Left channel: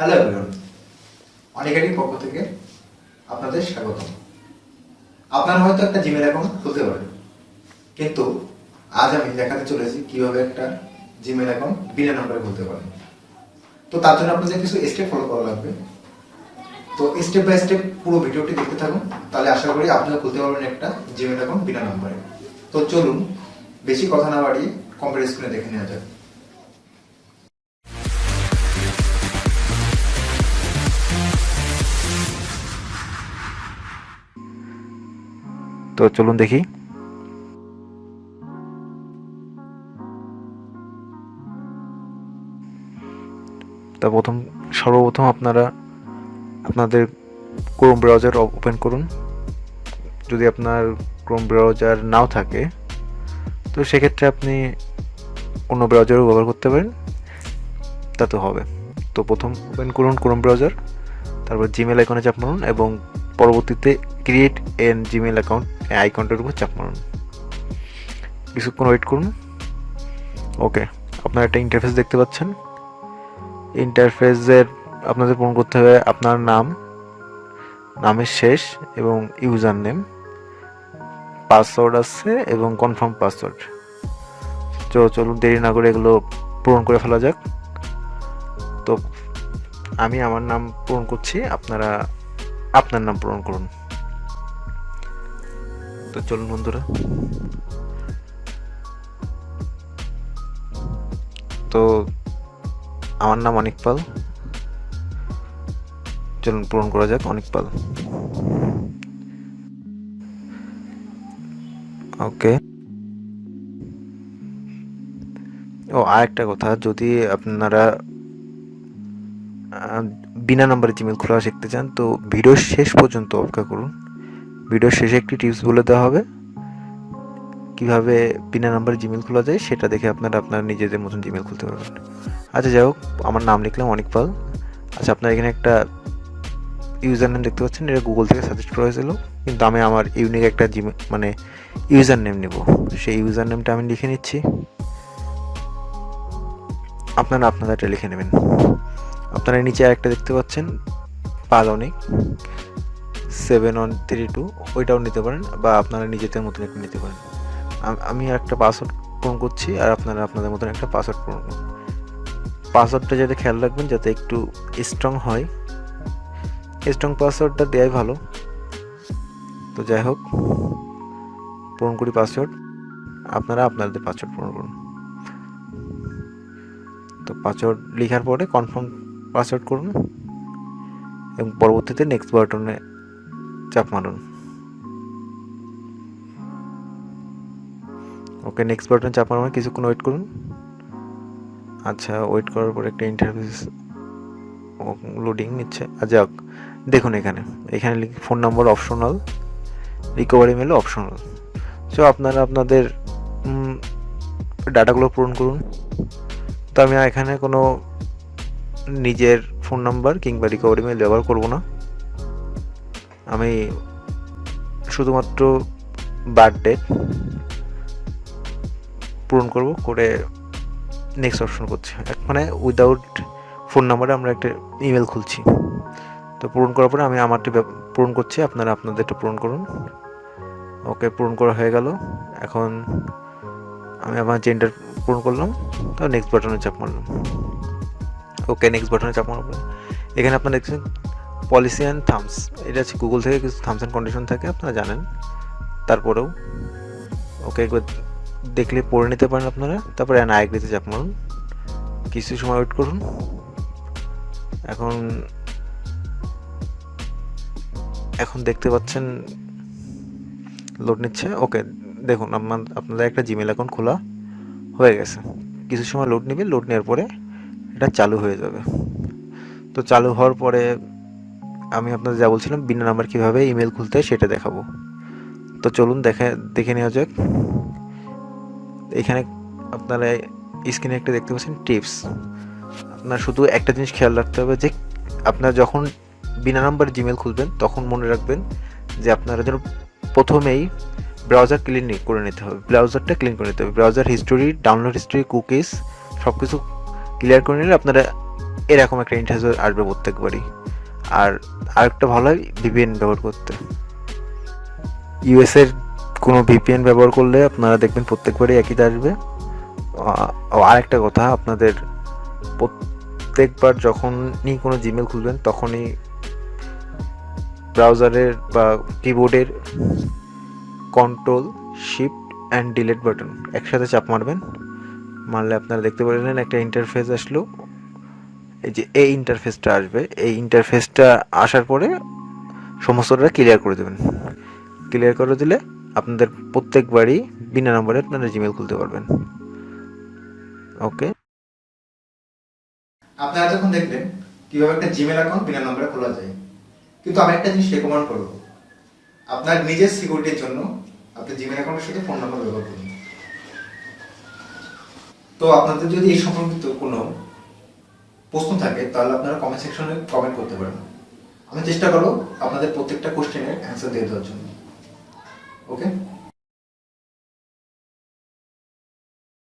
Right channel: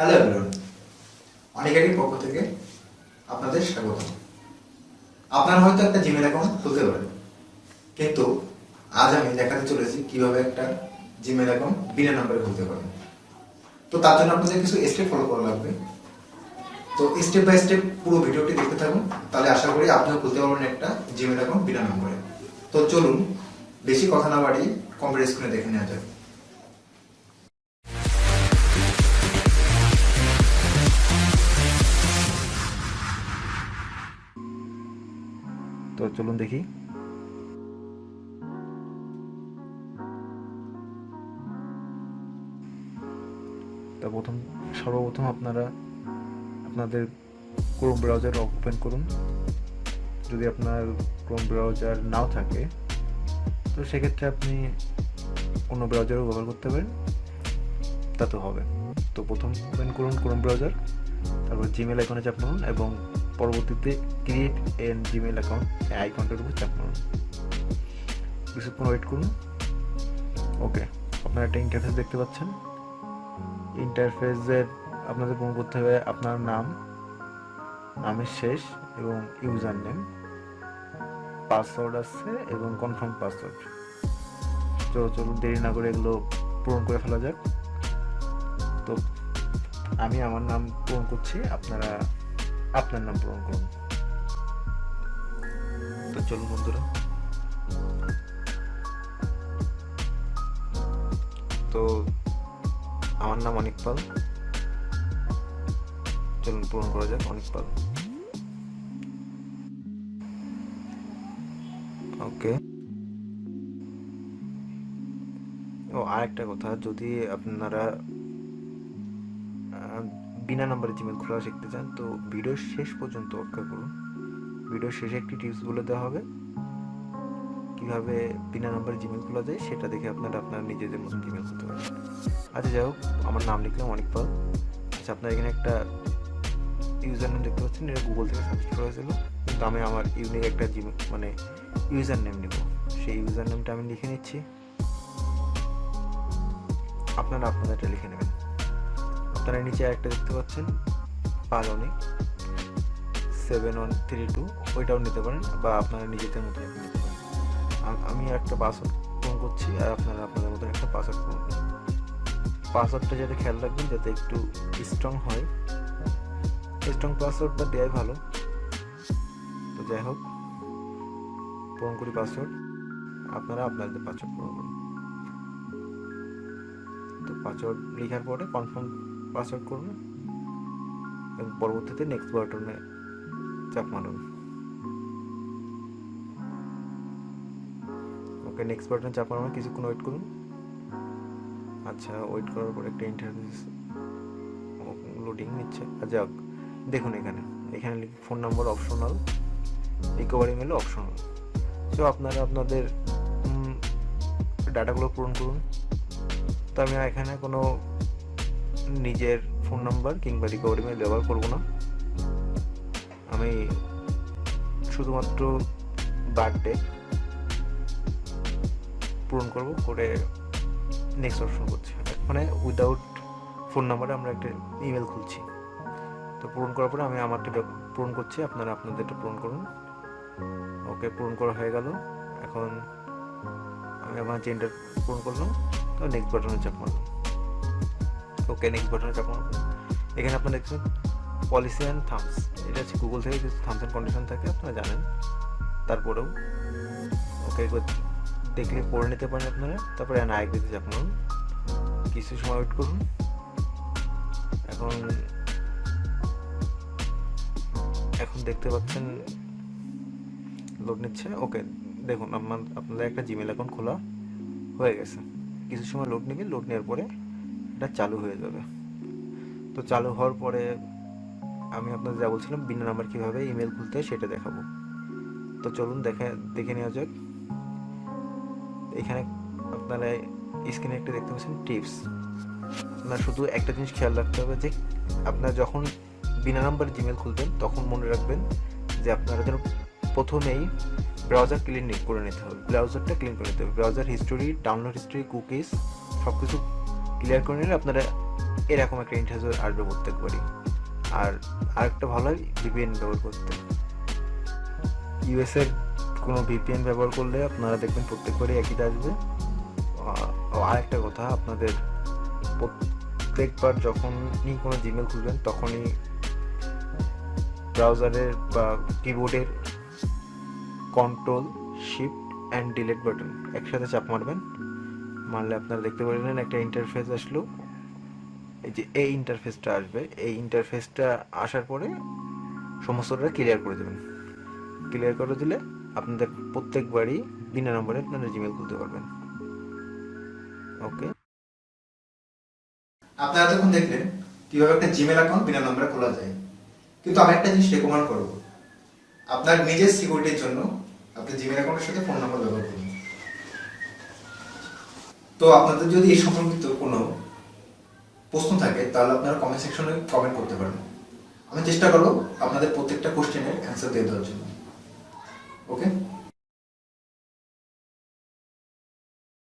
Hello everyone, অনিকের পক্ষ থেকে আপনাদের স্বাগত। আপনারা হয়তো একটা জিমেল অ্যাকাউন্ট খুলতে পারেন, কিন্তু আজ আমি দেখাতে চলেছি কিভাবে একটা জিমেল অ্যাকাউন্ট বিনা নাম্বারে খুলতে পারেন। তো তার জন্য আপনাদের কিছু স্টেপ ফলো করা লাগবে। তো স্টেপ বাই স্টেপ পুরো ভিডিওটি দেখতে থাকুন, তাহলে আশা করি আপনিও খুলতে পারবেন একটা জিমেল অ্যাকাউন্ট বিনা নাম্বারে। তো চলুন, বেশি কথা না বাড়িয়ে কম্পিউটার স্ক্রিনে দেখে নেওয়া যায়। তো চলুন দেখি। তা সর্বপ্রথম আপনারা আপনাদের ক্রোম ব্রাউজার ওপেন করুন। যদি আপনার ক্রোম ব্রাউজার নাও থাকে তো সেক্ষেত্রে আপনি অন্য ব্রাউজারও ব্যবহার করতে পারেন, তাতে হবে। তো প্রথম ওপেন করুন ক্রোম ব্রাউজার, তারপর জিমেল আইকনে চাপ মারুন এবং পরবর্তীতে ক্রিয়েট এন জিমেল অ্যাকাউন্ট আইকনটার উপর চাপ মারুন। কিছুক্ষণ ওয়েট করুন। ওকে, আপনারা একটা ইন্টারফেস দেখতে পাচ্ছেন। ইন্টারফেসের আপনাদের পূরণ করতে হবে আপনার নামের শেষ এবং ইউজার নেম, পাসওয়ার্ড আছে এবং কনফার্ম পাসওয়ার্ড। চলুন দেরি না করে এগুলো পূরণ করে ফেলা যাক। তো আমি আমার নাম পূরণ করছি, আপনারা আপনার নাম পূরণ করুন। তো চলুন বন্ধুরা, তো আমার নাম অনিক পাল। চলুন পূরণ করা যাক অনিক পাল। ওকে। আরেকটা কথা, যদি আপনারা বিনা নাম্বারে জিমেল খোলা শিখতে চান তো ভিডিওর শেষ পর্যন্ত অপেক্ষা করুন। ভিডিওর শেষে একটি টিপস বলে দেওয়া হবে কিভাবে বিনা নাম্বারে জিমেল খোলা যায়, সেটা দেখে আপনারা আপনার নিজেদের মতন জিমেল খুলতে পারবেন। আচ্ছা যাই হোক, আমার নাম লিখলাম অনিক পাল। আচ্ছা, আপনারা এখানে একটা ইউজার নেম দেখতে পাচ্ছেন, এটা গুগল থেকে সাজেস্ট করা হয়েছিল, কিন্তু আমি আমার ইউনিক একটা ইউজার নেম নেব। সেই ইউজার নেমটা আমি লিখে নিচ্ছি, আপনারা আপনাদেরটা লিখে নেবেন। আপনারা নিচে আরেকটা দেখতে পাচ্ছেন পাল অনিক 7132, ওইটাও নিতে পারেন বা আপনারা নিজেদের মতন একটা নিতে পারেন। আমি একটা পাসওয়ার্ড পূরণ করছি আর আপনারা আপনাদের মতন একটা পাসওয়ার্ড পূরণ করুন। পাসওয়ার্ডটা যাতে খেয়াল রাখবেন যাতে একটু স্ট্রং হয়, স্ট্রং পাসওয়ার্ডটা দেওয়াই ভালো। তো যাই হোক, পূরণ করি পাসওয়ার্ড, আপনারা আপনাদের পাসওয়ার্ড পূরণ করুন। তো পাসওয়ার্ড লেখার পরে কনফার্ম পাসওয়ার্ড করুন এবং পরবর্তীতে নেক্সট বাটনে চাপ মারুন। ওকে, নেক্সট বাটনে চাপ মারুন, কিছুক্ষণ ওয়েট করুন। আচ্ছা, ওয়েট করার পর একটা ইন্টারফেস লোডিং নিচ্ছে। আচ্ছা দেখুন, এখানে phone number optional, recovery mail optional. So আপনারা আপনাদের ডাটাগুলো পূরণ করুন। তো আমি এখানে কোনো নিজের ফোন নাম্বার কিংবা রিকভারি মেল ব্যবহার করব না, আমি শুধুমাত্র বার্থডে পূরণ করে নেক্সট অপশন করছি। মানে উইদাউট ফোন নাম্বারে আমরা একটা ইমেল খুলছি। তো পূরণ করার পরে আমি আমারটি পূরণ করছি, আপনারা আপনাদেরটা পূরণ করুন। ওকে, পূরণ করা হয়ে গেল। এখন আমি আমার জেন্ডার পূরণ করলাম, তো নেক্সট বাটনে চাপ মারলাম। ওকে, নেক্সট বাটনে চাপ মারলাম। এখানে আপনারা দেখছেন পলিসি অ্যান্ড থামস, এটা হচ্ছে গুগল থেকে কিছু থামস অ্যান্ড কন্ডিশন থাকে, আপনারা জানেন। তারপরেও ওকে একবার দেখলে পড়ে নিতে পারেন আপনারা। তারপরে আই এগ্রিতে চাপ মারুন, কিছু সময় ওয়েট করুন। এখন দেখতে পাচ্ছেন লোড নিচ্ছে। ওকে, দেখুন আপনাদের একটা জিমেল অ্যাকাউন্ট খোলা হয়ে গেছে। কিছু সময় লোড নেবে, লোড নেওয়ার পরে এটা চালু হয়ে যাবে। তো চালু হওয়ার পরে আমি আপনাদের যা বলছিলাম বিনা নাম্বার কীভাবে ইমেল খুলতে হয় সেটা দেখাবো। তো চলুন দেখে নেওয়া যাক। এখানে আপনারা স্ক্রিনে একটা দেখতে পাচ্ছেন টিপস। আপনার শুধু একটা জিনিস খেয়াল রাখতে হবে যে আপনারা যখন বিনা নাম্বারে জিমেল খুলবেন তখন মনে রাখবেন যে আপনারা যেন প্রথমেই ব্রাউজার ক্লিন করে নিতে হবে, ব্রাউজারটা ক্লিন করে নিতে হবে। Browser history, download history, cookies সব কিছু ক্লিয়ার করে নিলে আপনারা এরকম একটা ইন্টারফেস আসবে প্রত্যেকবারই। আর আরেকটা ভালো হয় ভিপিএন ব্যবহার করতে। ইউএসের কোনো ভিপিএন ব্যবহার করলে আপনারা দেখবেন প্রত্যেকবারই একইটা আসবে। আরেকটা কথা, আপনাদের প্রত্যেকবার যখনই কোনো জিমেল খুলবেন তখনই ব্রাউজারের বা কিবোর্ডের control shift and delete button একসাথে চাপ মারবেন। মারলে আপনারা দেখতে পারবেন একটা ইন্টারফেস আসলো। এই যে এই ইন্টারফেসটা আসবে, এই ইন্টারফেসটা আসার পরে সমস্তটা ক্লিয়ার করে দেবেন। ক্লিয়ার করে দিলে আপনাদের প্রত্যেকবারই বিনা নম্বরে আপনারা জিমেল খুলতে পারবেন। ওকে, আপনারা যখন দেখলেন কিভাবে একটা জিমেল অ্যাকাউন্ট বিনা নম্বরে খোলা যায়, কিন্তু আমি একটা জিনিস রেকমেন্ড করবো, আপনার নিজের সিকিউরিটির জন্য আপনি জিমেল অ্যাকাউন্টের সাথে ফোন নম্বর ব্যবহার করুন। তো আপনাদের যদি এই সম্পর্কিত কোনো প্রশ্ন থাকে তাহলে আপনারা কমেন্ট সেকশনে কমেন্ট করতে পারেন। আমি চেষ্টা করবো আপনাদের প্রত্যেকটা কোশ্চেনের অ্যান্সার দিয়ে দেওয়ার জন্য। ওকে।